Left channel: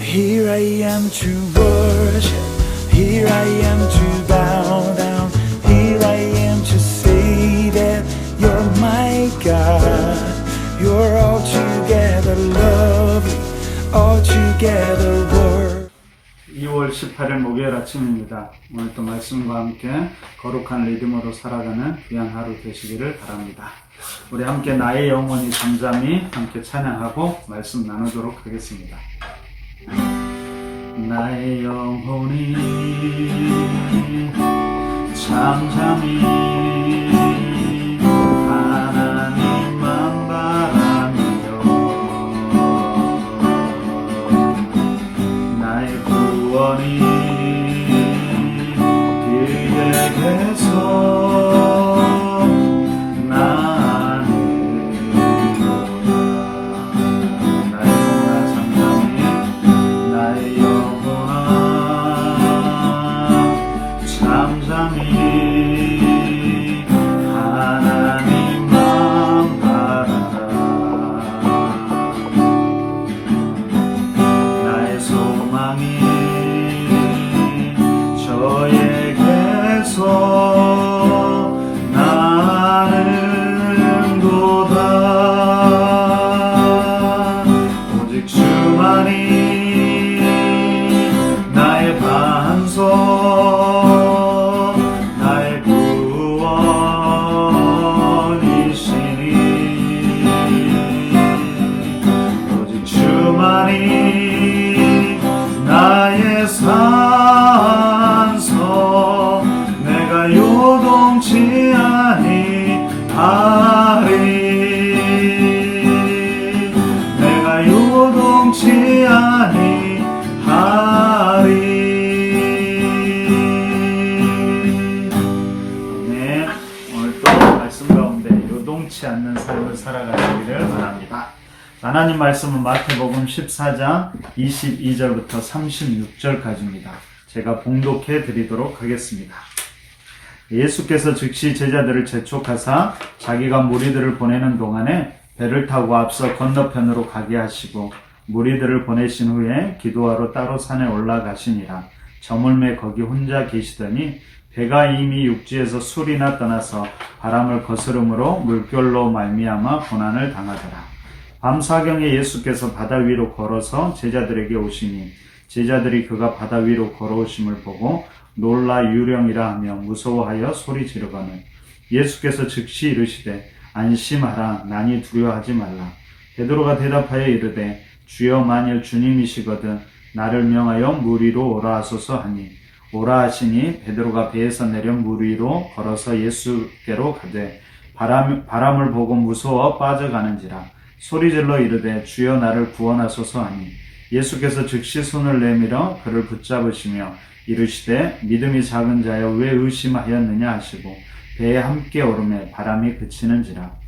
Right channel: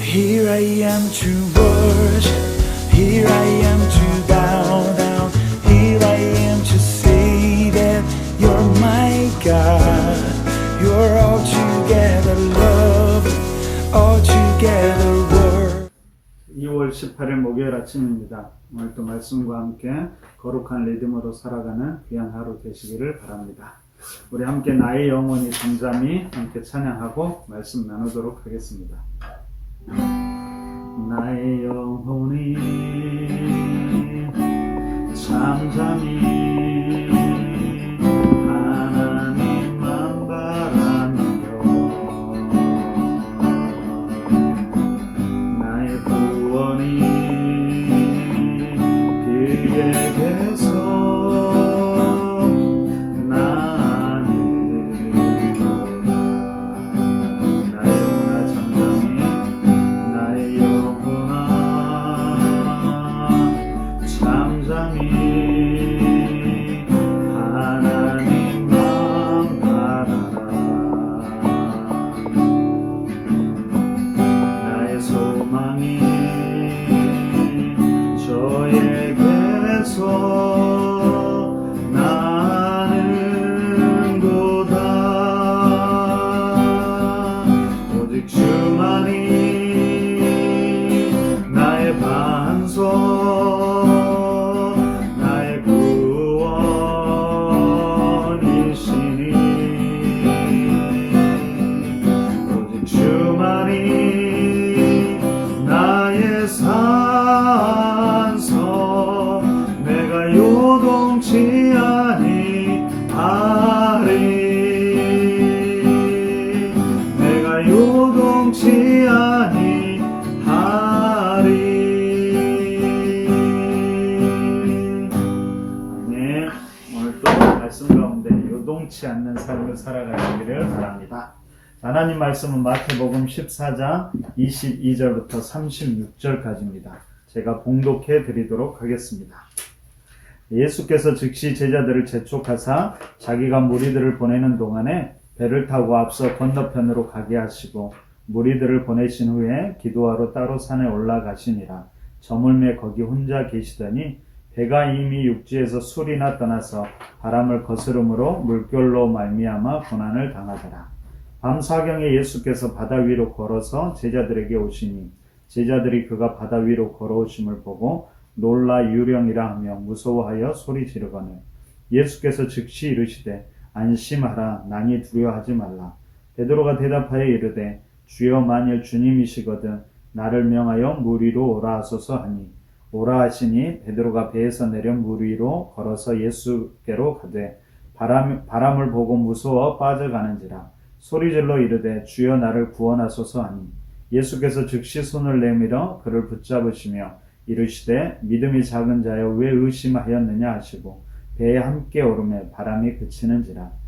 Here I am to worship, here I am to bow down, here I am to say that you're my God. You're altogether lovely, altogether worthy. 2월 18일 목요일 아침입니다. 오늘 또 말씀과 함께 거룩한 리듬으로 살아가는 귀한 하루 되시기를 바랍니다. 우리 함께 나의 영혼이 잠잠히 함께 찬양하고 말씀 나누도록 하겠습니다. 나의 영혼이 잠잠히 하나님만 바라며 나의 구원이 그에게서 요동치 아니하리. 네, 오늘 또 말씀 가운데 요동치 않는 삶을 살아가시기를 바랍니다. 하나님 말씀은 마태복음 14장 22절부터 36절까지입니다. 제가 봉독해 드리도록 하겠습니다. 예수께서 즉시 제자들을 재촉하사 자기가 무리들을 보내는 동안에 배를 타고 앞서 건너편으로 가게 하시고 무리들을 보내신 후에 기도하러 따로 산에 올라가시니라. 저물매 거기 혼자 계시더니 배가 이미 육지에서 술이나 떠나서 바람을 거스름으로 물결로 말미암아 고난을 당하더라. 밤 사경에 예수께서 바다 위로 걸어서 제자들에게 오시니 제자들이 그가 바다 위로 걸어오심을 보고 놀라 유령이라 하며 무서워하여 소리 지르거늘 예수께서 즉시 이르시되 안심하라. 나니 두려워하지 말라. 베드로가 대답하여 이르되 주여 만일 주님이시거든 나를 명하여 물 위로 오라 하소서 하니 오라 하시니 베드로가 배에서 내려 물 위로 걸어서 예수께로 가되 바람을 보고 무서워 빠져가는지라. 소리질러 이르되 주여 나를 구원하소서 하니 예수께서 즉시 손을 내밀어 그를 붙잡으시며 이르시되 믿음이 작은 자여 왜 의심하였느냐 하시고 배에 함께 오르매 바람이 그치는지라.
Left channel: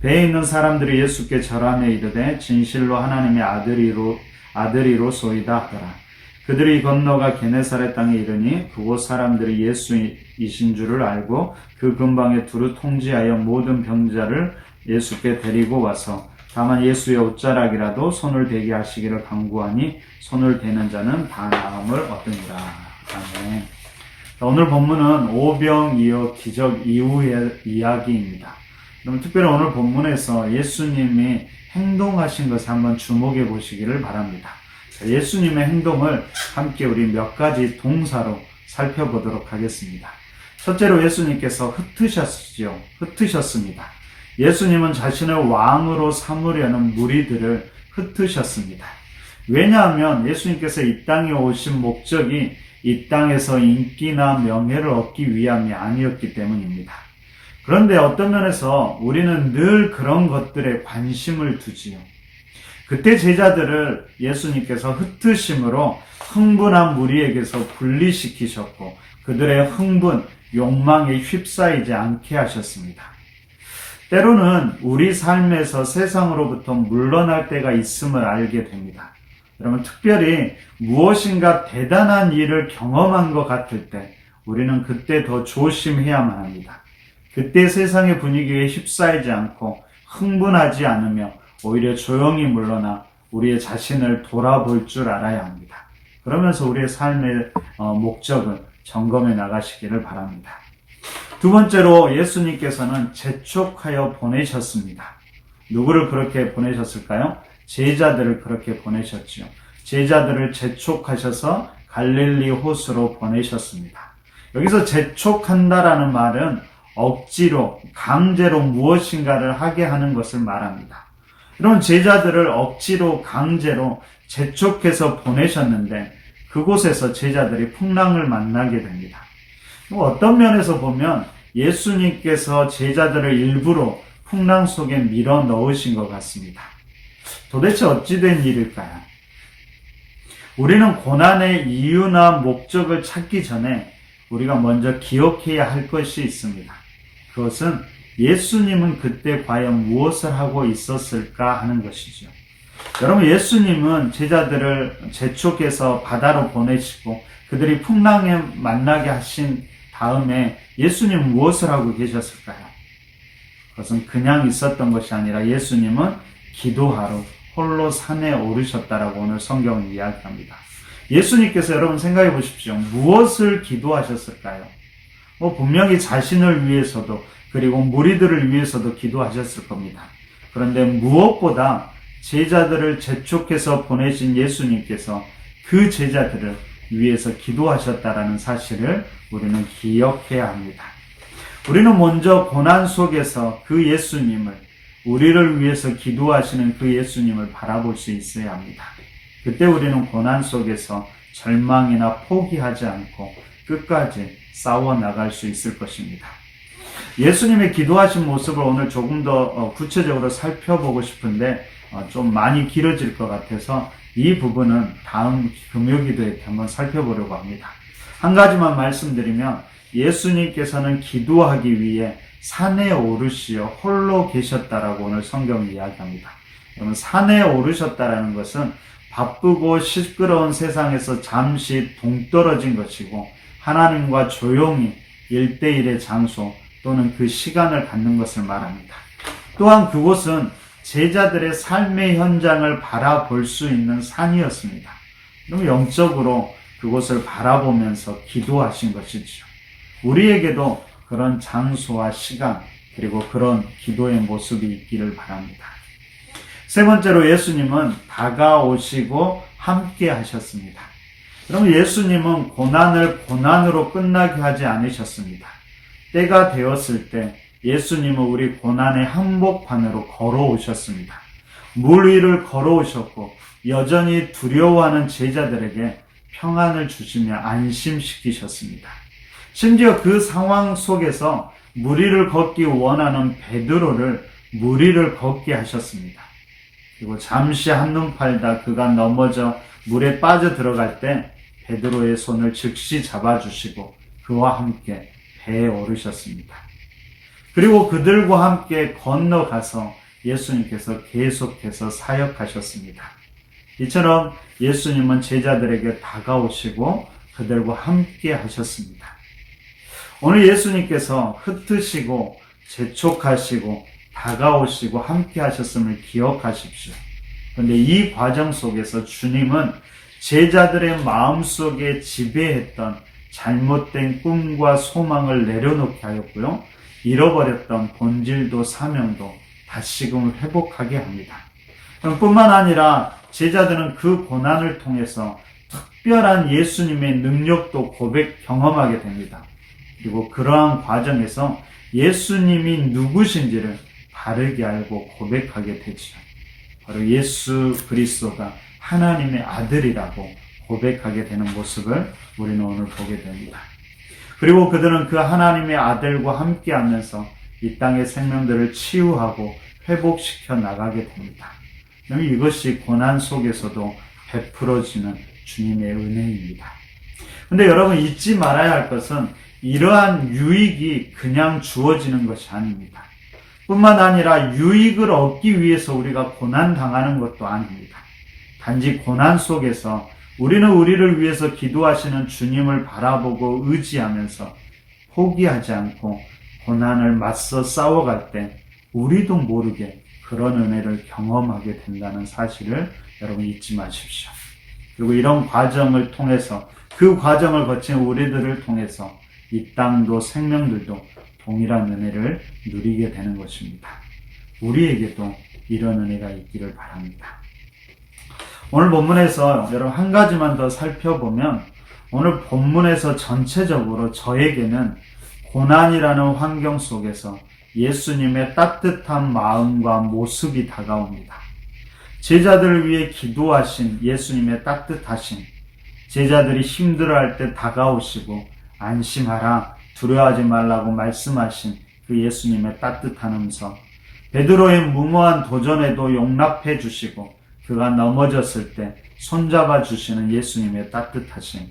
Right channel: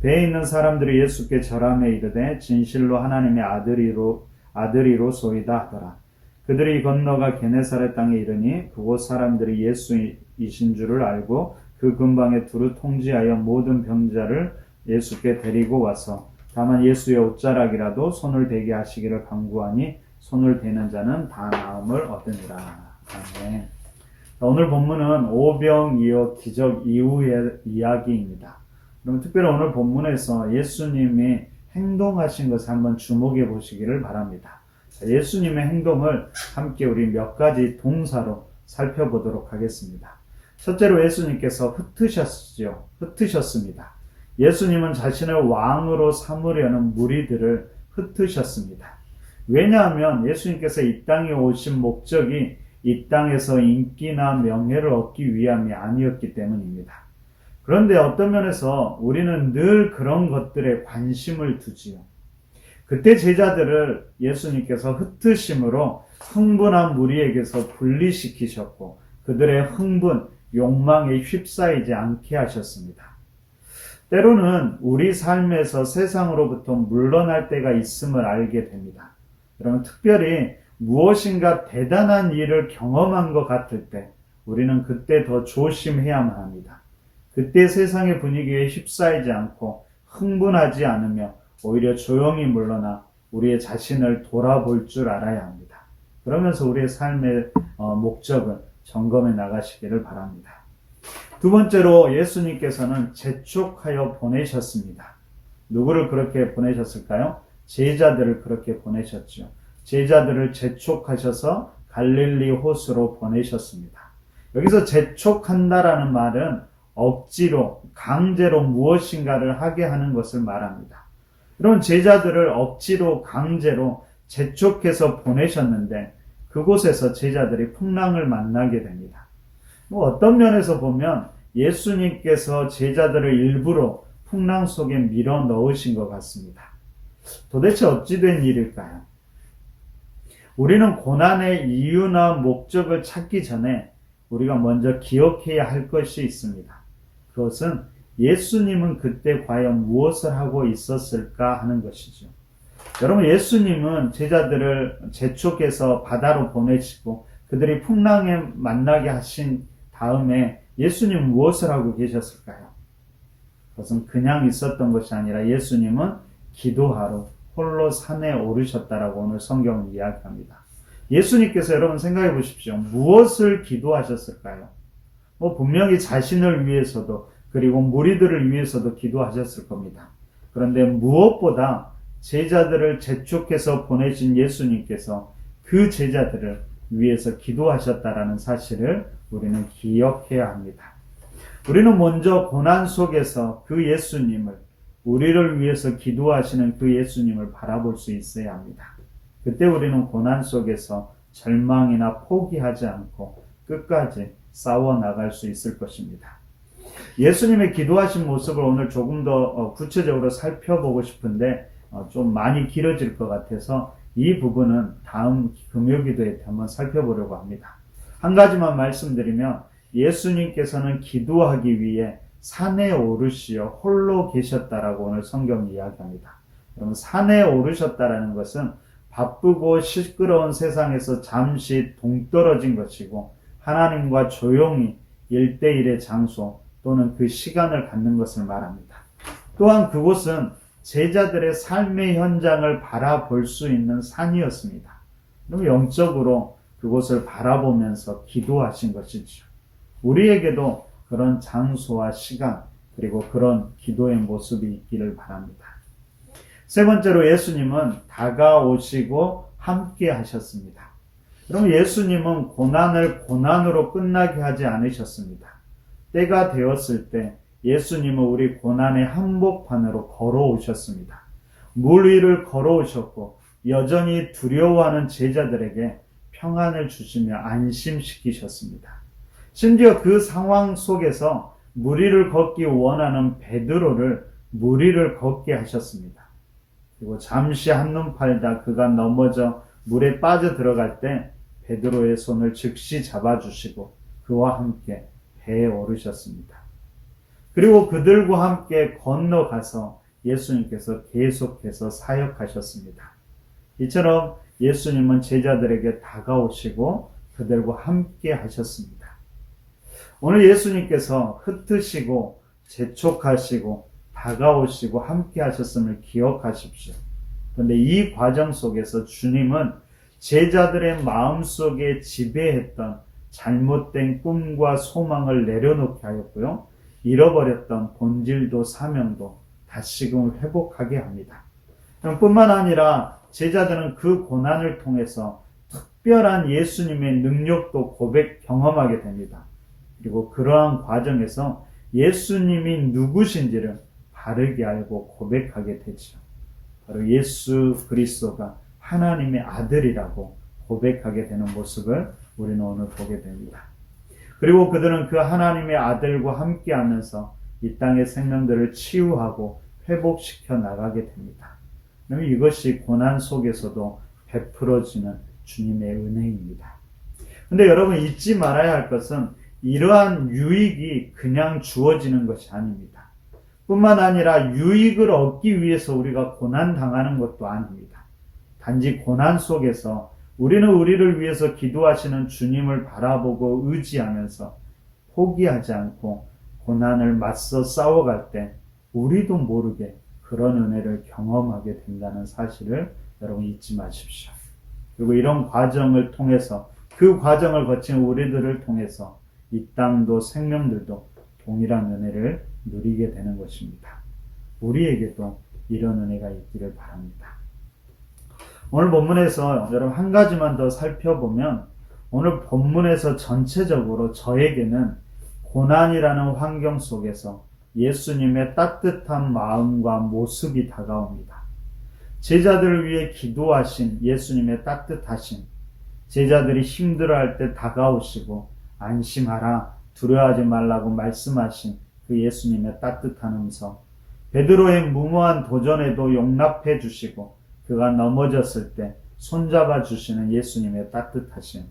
배에 있는 사람들이 예수께 절하며 이르되 진실로 하나님의 아들이로소이다 하더라. 그들이 건너가 게네사렛 땅에 이르니 그곳 사람들이 예수이신 줄을 알고 그 근방에 두루 통지하여 모든 병자를 예수께 데리고 와서 다만 예수의 옷자락이라도 손을 대게 하시기를 간구하니 손을 대는 자는 다 나음을 얻으니라. 아멘. 오늘 본문은 오병이어 기적 이후의 이야기입니다. 그럼 특별히 오늘 본문에서 예수님이 행동하신 것을 한번 주목해 보시기를 바랍니다. 예수님의 행동을 함께 우리 몇 가지 동사로 살펴보도록 하겠습니다. 첫째로 예수님께서 흩으셨습니다. 예수님은 자신을 왕으로 삼으려는 무리들을 흩으셨습니다. 왜냐하면 예수님께서 이 땅에 오신 목적이 이 땅에서 인기나 명예를 얻기 위함이 아니었기 때문입니다. 그런데 어떤 면에서 우리는 늘 그런 것들에 관심을 두지요. 그때 제자들을 예수님께서 흩으심으로 흥분한 무리에게서 분리시키셨고 그들의 흥분, 욕망에 휩싸이지 않게 하셨습니다. 때로는 우리 삶에서 세상으로부터 물러날 때가 있음을 알게 됩니다. 여러분, 특별히 무엇인가 대단한 일을 경험한 것 같을 때 우리는 그때 더 조심해야만 합니다. 그때 세상의 분위기에 휩싸이지 않고 흥분하지 않으며 오히려 조용히 물러나 우리의 자신을 돌아볼 줄 알아야 합니다. 그러면서 우리의 삶의 목적을 점검해 나가시기를 바랍니다. 두 번째로 예수님께서는 재촉하여 보내셨습니다. 누구를 그렇게 보내셨을까요? 제자들을 그렇게 보내셨지요. 제자들을 재촉하셔서 갈릴리 호수로 보내셨습니다. 여기서 재촉한다라는 말은 억지로, 강제로 무엇인가를 하게 하는 것을 말합니다. 이런 제자들을 억지로, 강제로 재촉해서 보내셨는데 그곳에서 제자들이 풍랑을 만나게 됩니다. 어떤 면에서 보면 예수님께서 제자들을 일부러 풍랑 속에 밀어 넣으신 것 같습니다. 도대체 어찌된 일일까요? 우리는 고난의 이유나 목적을 찾기 전에 우리가 먼저 기억해야 할 것이 있습니다. 그것은 예수님은 그때 과연 무엇을 하고 있었을까 하는 것이죠. 여러분, 예수님은 제자들을 재촉해서 바다로 보내시고 그들이 풍랑에 만나게 하신 다음에 예수님은 무엇을 하고 계셨을까요? 그것은 그냥 있었던 것이 아니라 예수님은 기도하러 홀로 산에 오르셨다라고 오늘 성경은 이야기합니다. 예수님께서 여러분 생각해 보십시오. 무엇을 기도하셨을까요? 분명히 자신을 위해서도 그리고 무리들을 위해서도 기도하셨을 겁니다. 그런데 무엇보다 제자들을 재촉해서 보내신 예수님께서 그 제자들을 위해서 기도하셨다라는 사실을 우리는 기억해야 합니다. 우리는 먼저 고난 속에서 그 예수님을, 우리를 위해서 기도하시는 그 예수님을 바라볼 수 있어야 합니다. 그때 우리는 고난 속에서 절망이나 포기하지 않고 끝까지 싸워 나갈 수 있을 것입니다. 예수님의 기도하신 모습을 오늘 조금 더 구체적으로 살펴보고 싶은데 좀 많이 길어질 것 같아서 이 부분은 다음 금요기도에 한번 살펴보려고 합니다. 한 가지만 말씀드리면 예수님께서는 기도하기 위해 산에 오르시어 홀로 계셨다라고 오늘 성경이 이야기합니다. 그러면 산에 오르셨다라는 것은 바쁘고 시끄러운 세상에서 잠시 동떨어진 것이고 하나님과 조용히 1대1의 장소 또는 그 시간을 갖는 것을 말합니다. 또한 그곳은 제자들의 삶의 현장을 바라볼 수 있는 산이었습니다. 그럼 영적으로 그곳을 바라보면서 기도하신 것이죠. 우리에게도 그런 장소와 시간 그리고 그런 기도의 모습이 있기를 바랍니다. 세 번째로 예수님은 다가오시고 함께 하셨습니다. 그럼 예수님은 고난을 고난으로 끝나게 하지 않으셨습니다. 때가 되었을 때 예수님은 우리 고난의 한복판으로 걸어오셨습니다. 물 위를 걸어오셨고 여전히 두려워하는 제자들에게 평안을 주시며 안심시키셨습니다. 심지어 그 상황 속에서 물 위를 걷기 원하는 베드로를 물 위를 걷게 하셨습니다. 그리고 잠시 한눈 팔다 그가 넘어져 물에 빠져 들어갈 때 베드로의 손을 즉시 잡아주시고 그와 함께 배에 오르셨습니다. 그리고 그들과 함께 건너가서 예수님께서 계속해서 사역하셨습니다. 이처럼 예수님은 제자들에게 다가오시고 그들과 함께 하셨습니다. 오늘 예수님께서 흩으시고 재촉하시고 다가오시고 함께 하셨음을 기억하십시오. 그런데 이 과정 속에서 주님은 제자들의 마음속에 지배했던 잘못된 꿈과 소망을 내려놓게 하였고요. 잃어버렸던 본질도 사명도 다시금 회복하게 합니다. 뿐만 아니라 제자들은 그 고난을 통해서 특별한 예수님의 능력도 경험하게 됩니다. 그리고 그러한 과정에서 예수님이 누구신지를 바르게 알고 고백하게 되죠. 바로 예수 그리스도가 하나님의 아들이라고 고백하게 되는 모습을 우리는 오늘 보게 됩니다. 그리고 그들은 그 하나님의 아들과 함께 하면서 이 땅의 생명들을 치유하고 회복시켜 나가게 됩니다. 이것이 고난 속에서도 베풀어지는 주님의 은혜입니다. 그런데 여러분 잊지 말아야 할 것은 이러한 유익이 그냥 주어지는 것이 아닙니다. 뿐만 아니라 유익을 얻기 위해서 우리가 고난당하는 것도 아닙니다. 단지 고난 속에서 우리는 우리를 위해서 기도하시는 주님을 바라보고 의지하면서 포기하지 않고 고난을 맞서 싸워갈 때 우리도 모르게 그런 은혜를 경험하게 된다는 사실을 여러분 잊지 마십시오. 그리고 이런 과정을 통해서, 그 과정을 거친 우리들을 통해서 이 땅도 생명들도 동일한 은혜를 누리게 되는 것입니다. 우리에게도 이런 은혜가 있기를 바랍니다. 오늘 본문에서 여러분 한 가지만 더 살펴보면, 오늘 본문에서 전체적으로 저에게는 고난이라는 환경 속에서 예수님의 따뜻한 마음과 모습이 다가옵니다. 제자들을 위해 기도하신 예수님의 따뜻하심, 제자들이 힘들어할 때 다가오시고 안심하라, 두려워하지 말라고 말씀하신 그 예수님의 따뜻한 음성, 베드로의 무모한 도전에도 용납해 주시고 그가 넘어졌을 때 손잡아 주시는 예수님의 따뜻하심,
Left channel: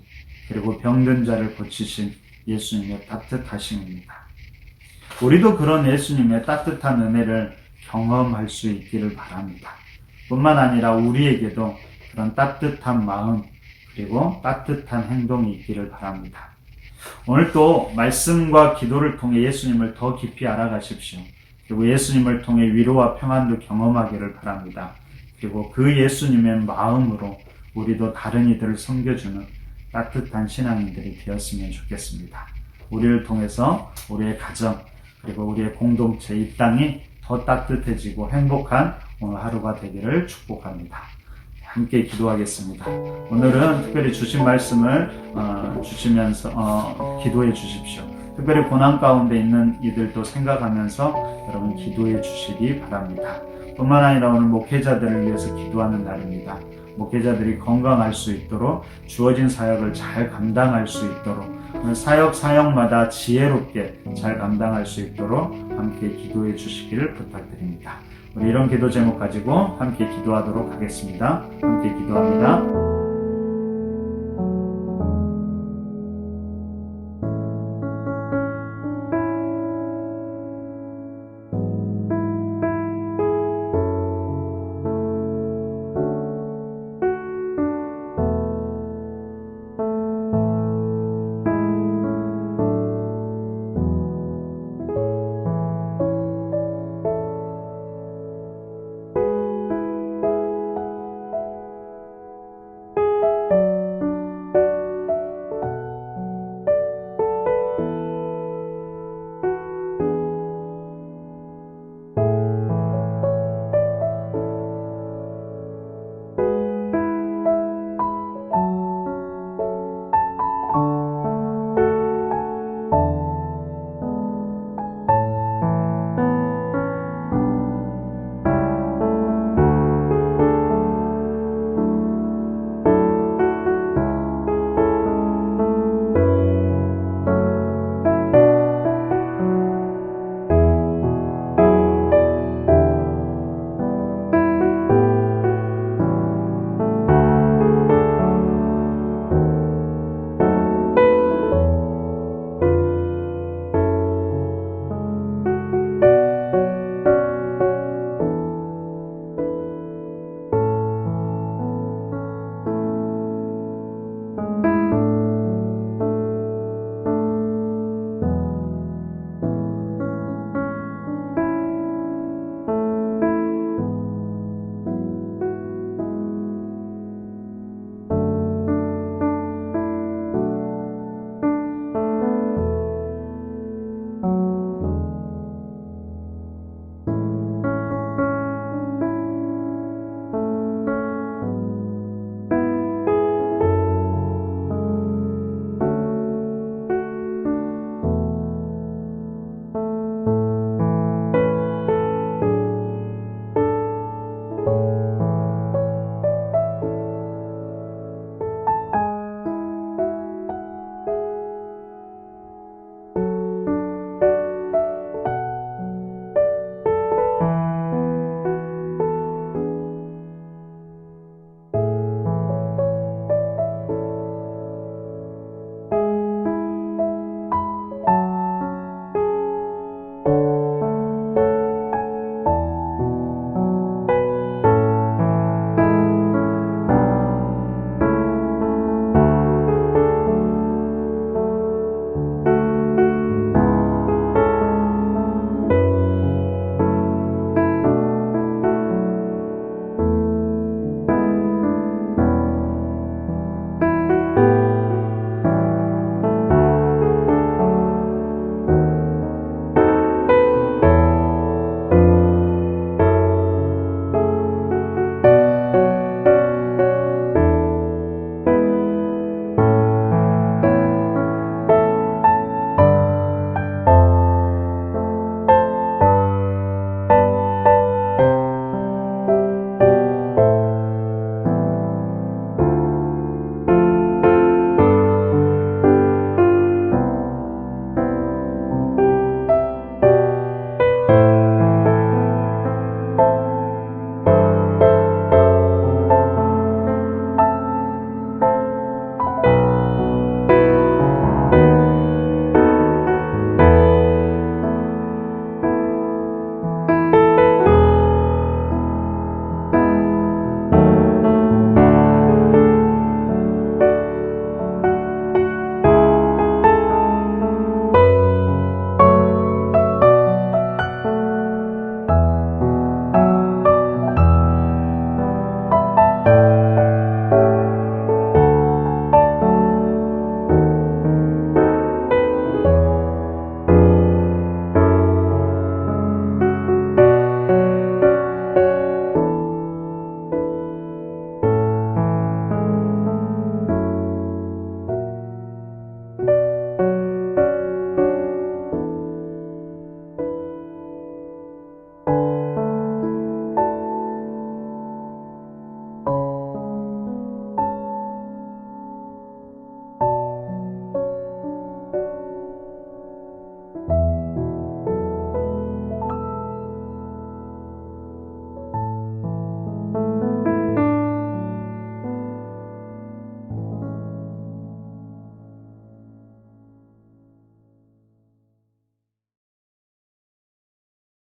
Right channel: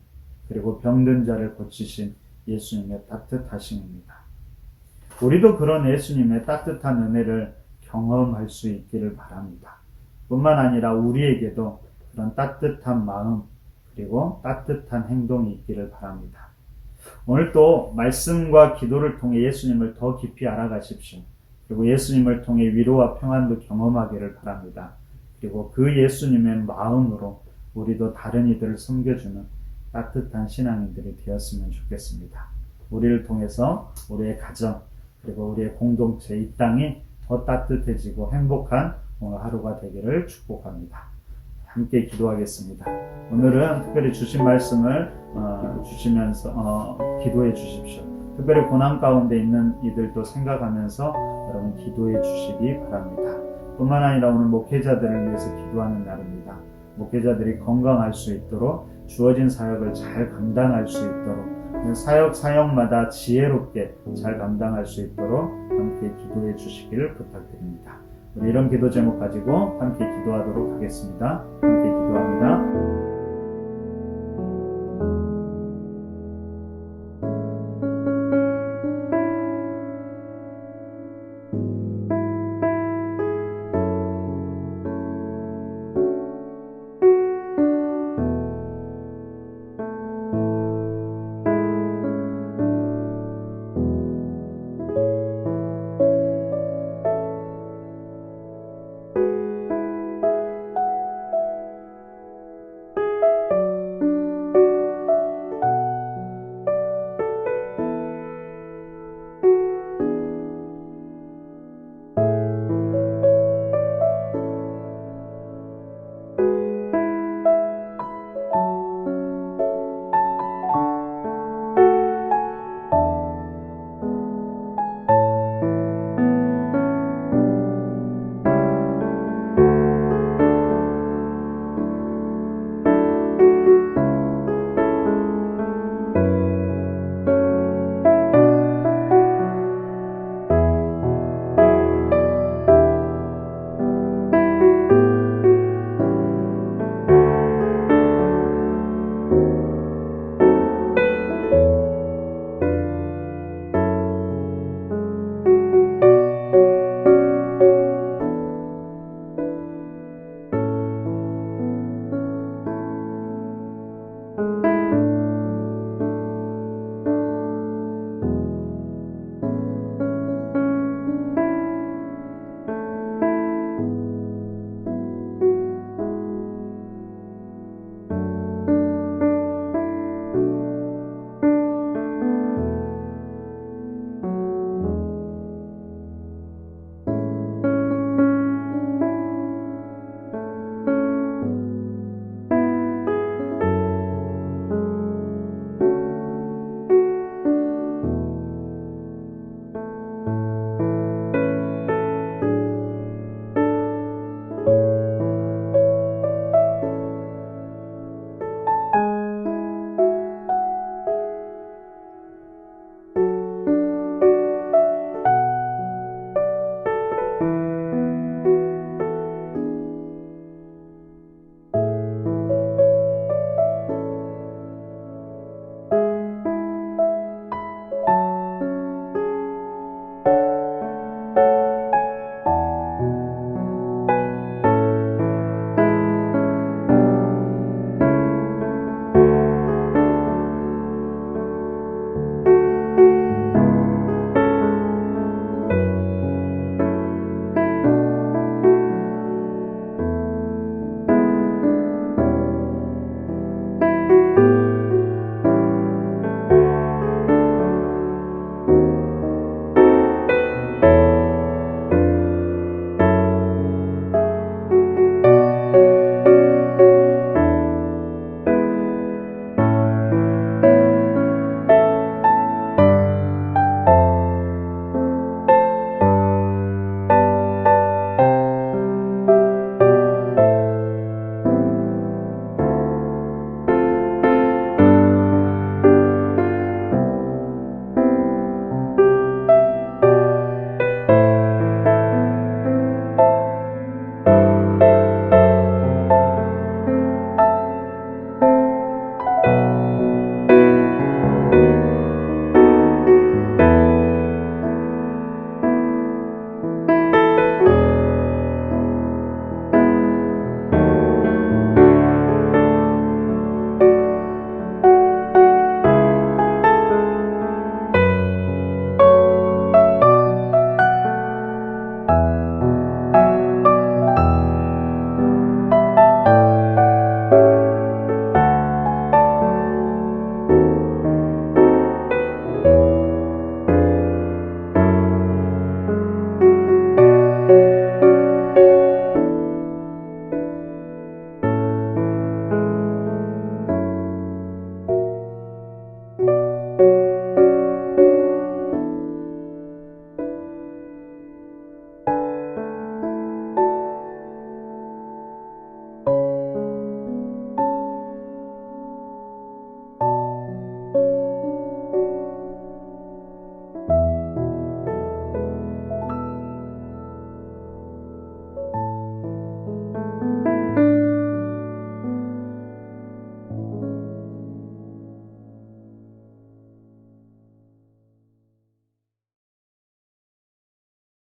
그리고 병든 자를 고치신 예수님의 따뜻하심입니다. 우리도 그런 예수님의 따뜻한 은혜를 경험할 수 있기를 바랍니다. 뿐만 아니라 우리에게도 그런 따뜻한 마음, 그리고 따뜻한 행동이 있기를 바랍니다. 오늘 또 말씀과 기도를 통해 예수님을 더 깊이 알아가십시오. 그리고 예수님을 통해 위로와 평안도 경험하기를 바랍니다. 그리고 그 예수님의 마음으로 우리도 다른 이들을 섬겨주는 따뜻한 신앙인들이 되었으면 좋겠습니다. 우리를 통해서 우리의 가정, 그리고 우리의 공동체, 이 땅이 더 따뜻해지고 행복한 오늘 하루가 되기를 축복합니다. 함께 기도하겠습니다. 오늘은 특별히 주신 말씀을 주시면서 기도해 주십시오. 특별히 고난 가운데 있는 이들도 생각하면서 여러분 기도해 주시기 바랍니다. 뿐만 아니라 오늘 목회자들을 위해서 기도하는 날입니다. 목회자들이 건강할 수 있도록, 주어진 사역을 잘 감당할 수 있도록, 사역마다 지혜롭게 잘 감당할 수 있도록 함께 기도해 주시기를 부탁드립니다. 우리 이런 기도 제목 가지고 함께 기도하도록 하겠습니다. 함께 기도합니다.